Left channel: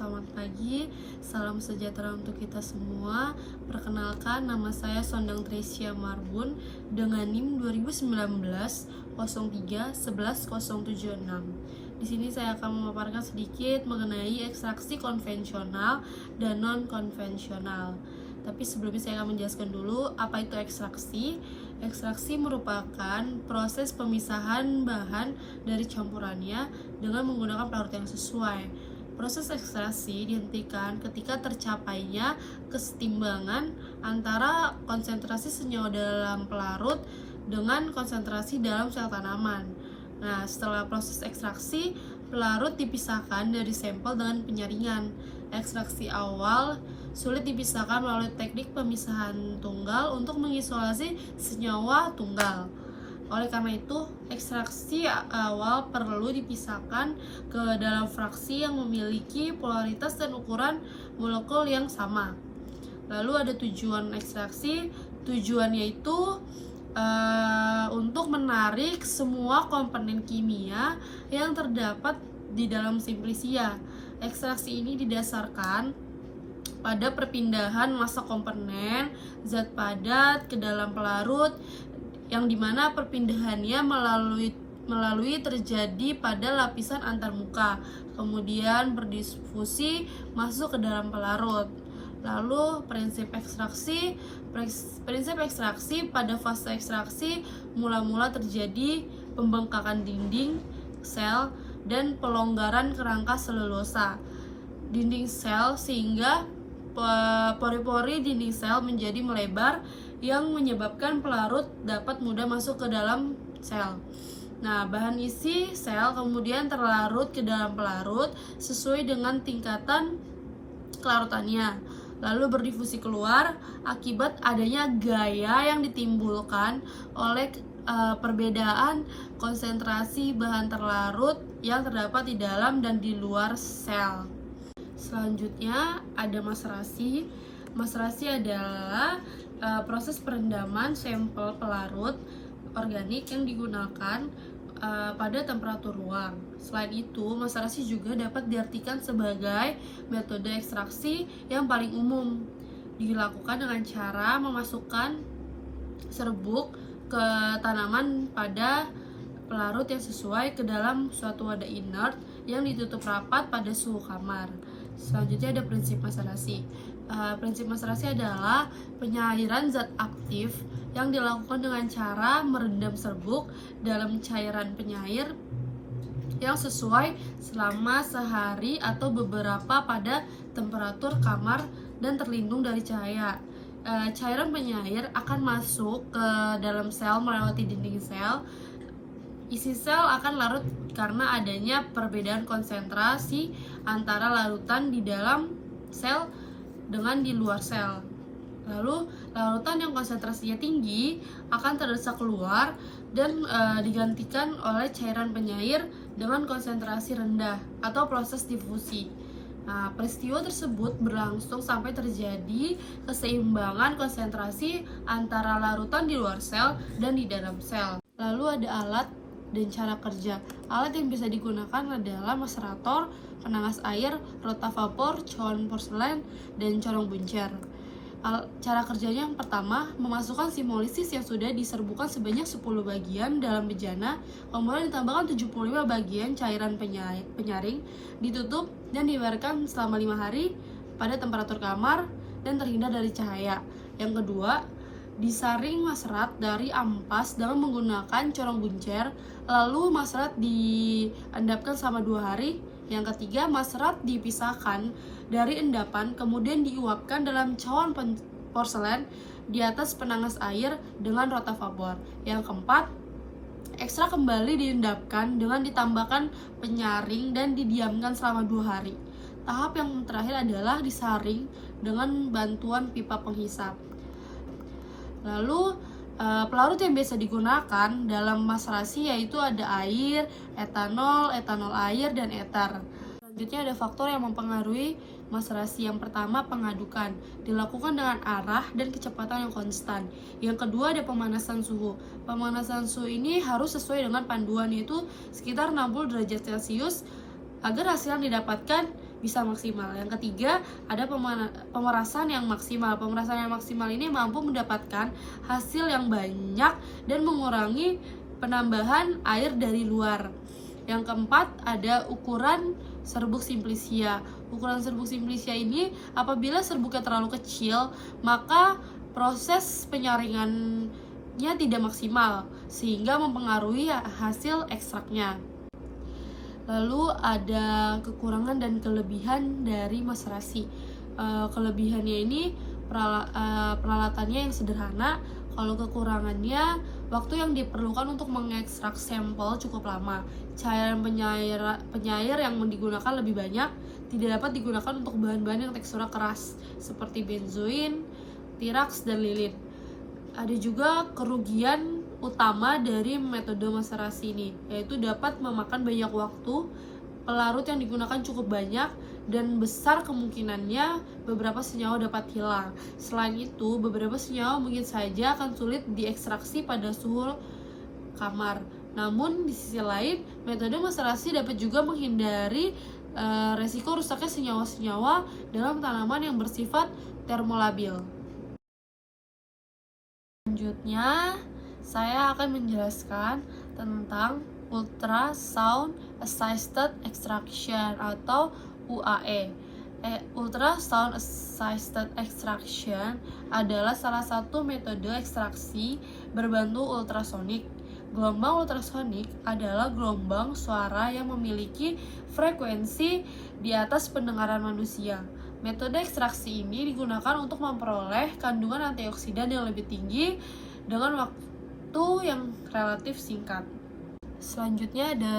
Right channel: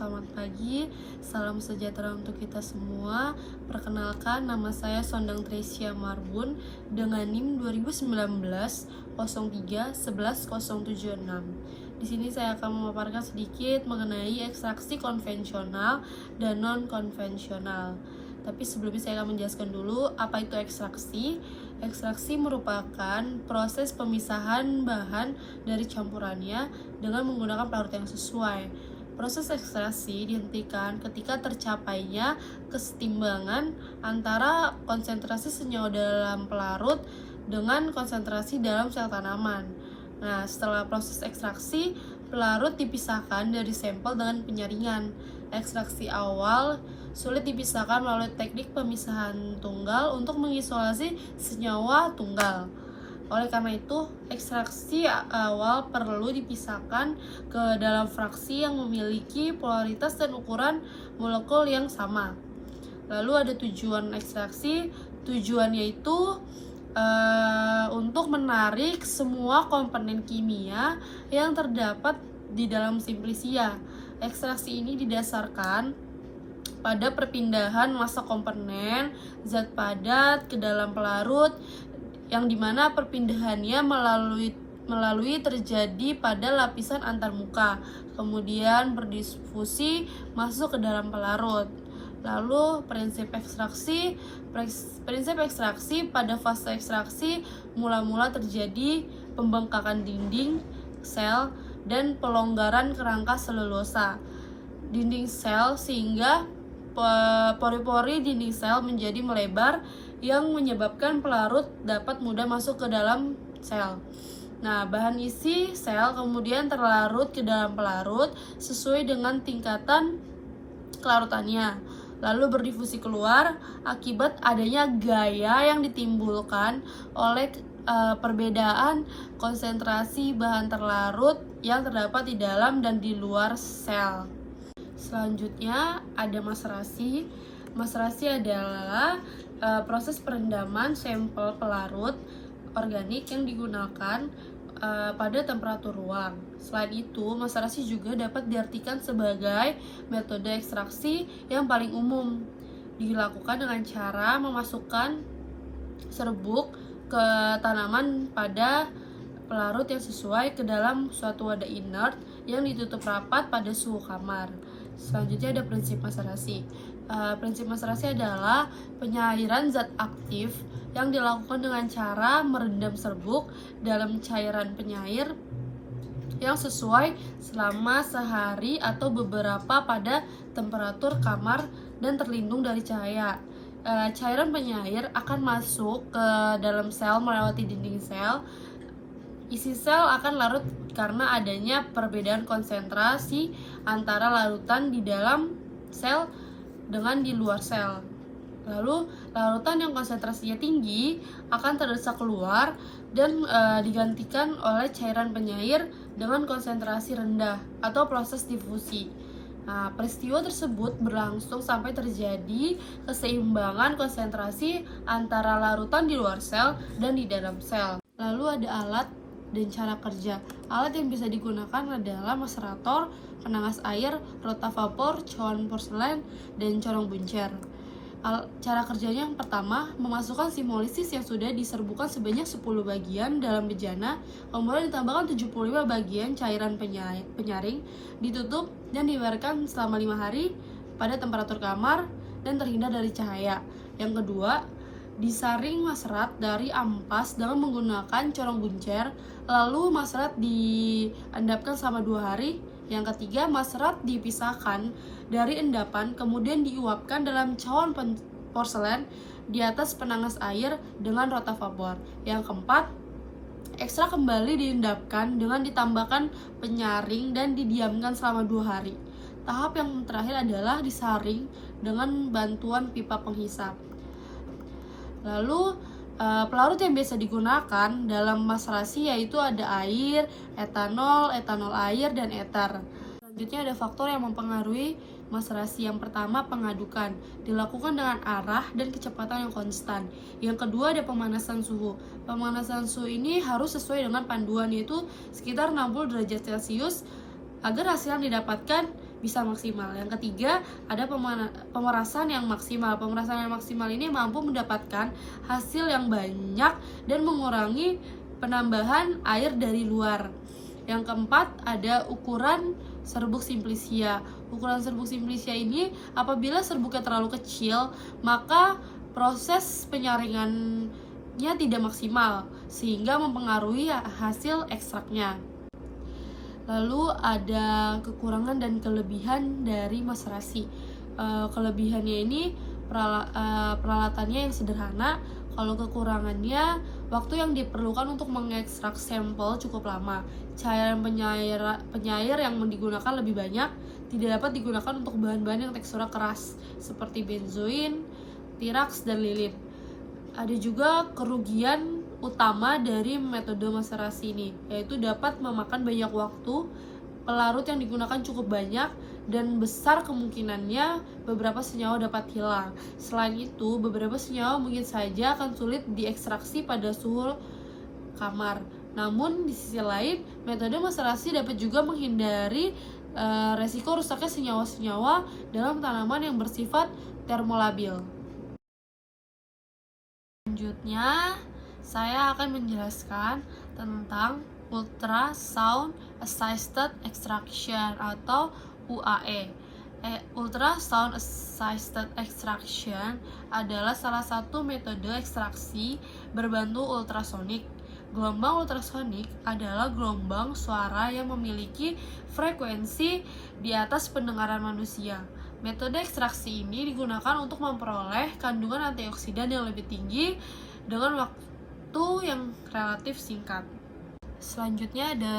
selamat pagi, salam sejahtera untuk kita semua. Perkenalkan, nama saya Sondang Tresya Marbun dengan NIM 2019 03 11 076. Di sini saya akan memaparkan sedikit mengenai ekstraksi konvensional dan non-konvensional. Tapi sebelumnya saya akan menjelaskan dulu apa itu ekstraksi. Ekstraksi merupakan proses pemisahan bahan dari campurannya dengan menggunakan pelarut yang sesuai. Proses ekstraksi dihentikan ketika tercapainya kesetimbangan antara konsentrasi senyawa dalam pelarut dengan konsentrasi dalam sel tanaman. Nah, setelah proses ekstraksi, pelarut dipisahkan dari sampel dengan penyaringan. Ekstraksi awal sulit dipisahkan melalui teknik pemisahan tunggal untuk mengisolasi senyawa tunggal. Oleh karena itu, ekstraksi awal perlu dipisahkan ke dalam fraksi yang memiliki polaritas dan ukuran molekul yang sama. Lalu ada tujuan ekstraksi, tujuannya itu untuk menarik semua komponen kimia yang terdapat di dalam simplisia. Ekstraksi ini didasarkan pada perpindahan massa komponen zat padat ke dalam pelarut, yang dimana perpindahannya melalui terjadi pada lapisan antarmuka, kemudian berdifusi masuk ke dalam pelarut. Lalu prinsip ekstraksi pada fase ekstraksi mula-mula terjadi pembengkakan dinding sel dan pelonggaran kerangka selulosa dinding sel sehingga pori-pori dinding sel menjadi melebar yang menyebabkan pelarut dapat mudah masuk ke dalam sel. Nah, bahan isi sel kemudian terlarut ke dalam pelarut sesuai dengan tingkatan kelarutannya, lalu berdifusi keluar akibat adanya gaya yang ditimbulkan oleh perbedaan konsentrasi bahan terlarut yang terdapat di dalam dan di luar sel. Selanjutnya ada maserasi. Maserasi adalah proses perendaman sampel pelarut organik yang digunakan pada temperatur ruang. Selain itu, maserasi juga dapat diartikan sebagai metode ekstraksi yang paling umum. Dilakukan dengan cara memasukkan serbuk ke tanaman pada pelarut yang sesuai ke dalam suatu wadah inert yang ditutup rapat pada suhu kamar. Selanjutnya ada prinsip maserasi. Prinsip maserasi adalah penyairan zat aktif yang dilakukan dengan cara merendam serbuk dalam cairan penyair yang sesuai selama sehari atau beberapa pada temperatur kamar dan terlindung dari cahaya. Cairan penyair akan masuk ke dalam sel melewati dinding sel. Isi sel akan larut karena adanya perbedaan konsentrasi antara larutan di dalam sel dengan di luar sel. Lalu, larutan yang konsentrasinya tinggi akan terdesak keluar dan digantikan oleh cairan penyair dengan konsentrasi rendah atau proses difusi. Nah, peristiwa tersebut berlangsung sampai terjadi keseimbangan konsentrasi antara larutan di luar sel dan di dalam sel. Lalu ada alat dan cara kerja. Alat yang bisa digunakan adalah macerator, penangas air, rotavapor, cawan porselen, dan corong buncer. Cara kerjanya yang pertama, memasukkan simolisis yang sudah diserbukan sebanyak 10 bagian dalam bejana, kemudian ditambahkan 75 bagian cairan penyaring, ditutup dan dibiarkan selama 5 hari pada temperatur kamar dan terhindar dari cahaya. Yang kedua, disaring maserat dari ampas dengan menggunakan corong buncer, lalu maserat diendapkan selama 2 hari. Yang ketiga, maserat dipisahkan dari endapan, kemudian diuapkan dalam cawan porselen di atas penangas air dengan rotavapor. Yang keempat, ekstrak kembali diendapkan dengan ditambahkan penyaring dan didiamkan selama 2 hari. Tahap yang terakhir adalah disaring dengan bantuan pipa penghisap. Lalu, pelarut yang biasa digunakan dalam maserasi yaitu ada air, etanol air, dan eter. Selanjutnya ada faktor yang mempengaruhi maserasi. Yang pertama, pengadukan. Dilakukan dengan arah dan kecepatan yang konstan. Yang kedua, ada pemanasan suhu. Pemanasan suhu ini harus sesuai dengan panduan, yaitu sekitar 60 derajat Celcius agar hasil yang didapatkan bisa maksimal. Yang ketiga, ada pemerasan yang maksimal. Pemerasan yang maksimal ini mampu mendapatkan hasil yang banyak dan mengurangi penambahan air dari luar. Yang keempat, ada ukuran serbuk simplicia. Ukuran serbuk simplicia ini apabila serbuknya terlalu kecil, maka proses penyaringannya tidak maksimal sehingga mempengaruhi hasil ekstraknya. Lalu ada kekurangan dan kelebihan dari maserasi. Kelebihannya ini peralatannya yang sederhana. Kalau kekurangannya, waktu yang diperlukan untuk mengekstrak sampel cukup lama. Cairan penyair yang digunakan lebih banyak, tidak dapat digunakan untuk bahan-bahan yang teksturnya keras seperti benzoin, tirax, dan lilin. Ada juga kerugian utama dari metode maserasi ini, yaitu dapat memakan banyak waktu, pelarut yang digunakan cukup banyak, dan besar kemungkinannya beberapa senyawa dapat hilang. Selain itu, beberapa senyawa mungkin saja akan sulit diekstraksi pada suhu kamar. Namun di sisi lain, metode maserasi dapat juga menghindari resiko rusaknya senyawa-senyawa dalam tanaman yang bersifat termolabil. Selanjutnya, saya akan menjelaskan tentang ultrasound assisted extraction atau UAE. Ultrasound assisted extraction adalah salah satu metode ekstraksi berbantu ultrasonik. Gelombang ultrasonik adalah gelombang suara yang memiliki frekuensi di atas pendengaran manusia. Metode ekstraksi ini digunakan untuk memperoleh kandungan antioksidan yang lebih tinggi dengan waktu yang relatif singkat. Selanjutnya ada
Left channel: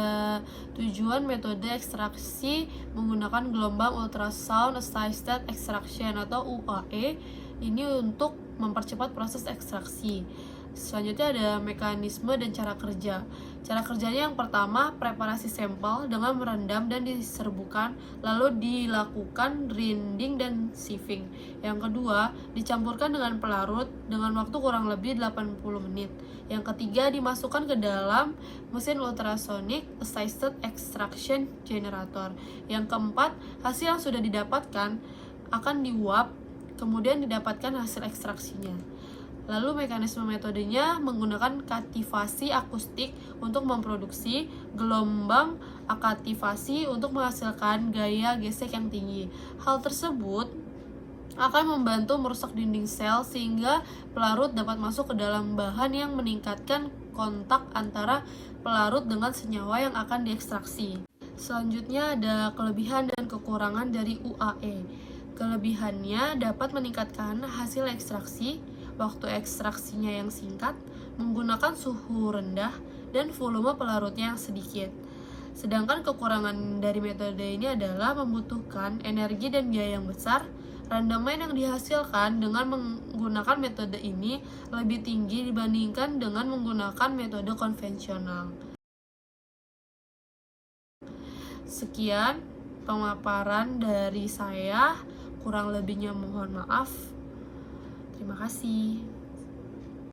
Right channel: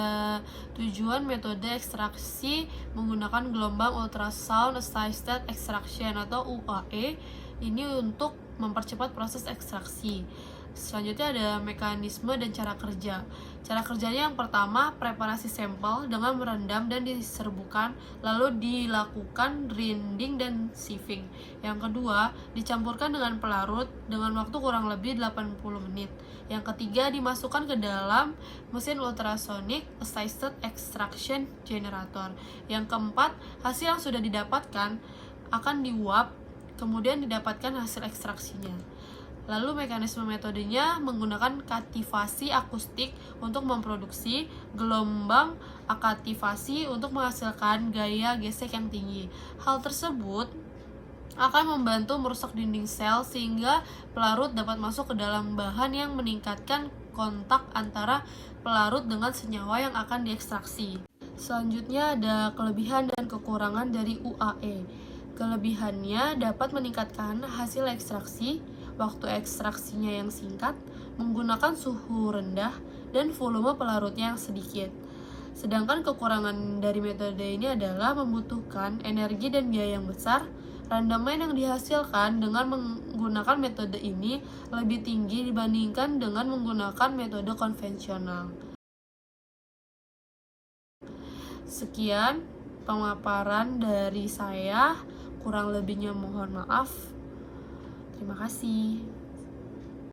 tujuan metode ekstraksi menggunakan gelombang ultrasound assisted extraction atau UAE ini untuk mempercepat proses ekstraksi. Selanjutnya ada mekanisme dan cara kerja. Cara kerjanya yang pertama, preparasi sampel dengan merendam dan diserbukan, lalu dilakukan grinding dan sieving. Yang kedua, dicampurkan dengan pelarut dengan waktu kurang lebih 80 menit. Yang ketiga, dimasukkan ke dalam mesin ultrasonic assisted extraction generator. Yang keempat, hasil yang sudah didapatkan akan diuap, kemudian didapatkan hasil ekstraksinya. Lalu mekanisme metodenya menggunakan kativasi akustik untuk memproduksi gelombang akativasi untuk menghasilkan gaya gesek yang tinggi. Hal tersebut akan membantu merusak dinding sel sehingga pelarut dapat masuk ke dalam bahan yang meningkatkan kontak antara pelarut dengan senyawa yang akan diekstraksi. Selanjutnya ada kelebihan dan kekurangan dari UAE. Kelebihannya dapat meningkatkan hasil ekstraksi, waktu ekstraksinya yang singkat, menggunakan suhu rendah, dan volume pelarutnya yang sedikit. Sedangkan kekurangan dari metode ini adalah membutuhkan energi dan biaya yang besar. Rendaman yang dihasilkan dengan menggunakan metode ini lebih tinggi dibandingkan dengan menggunakan metode konvensional. Sekian pemaparan dari saya, kurang lebihnya mohon maaf. Terima kasih.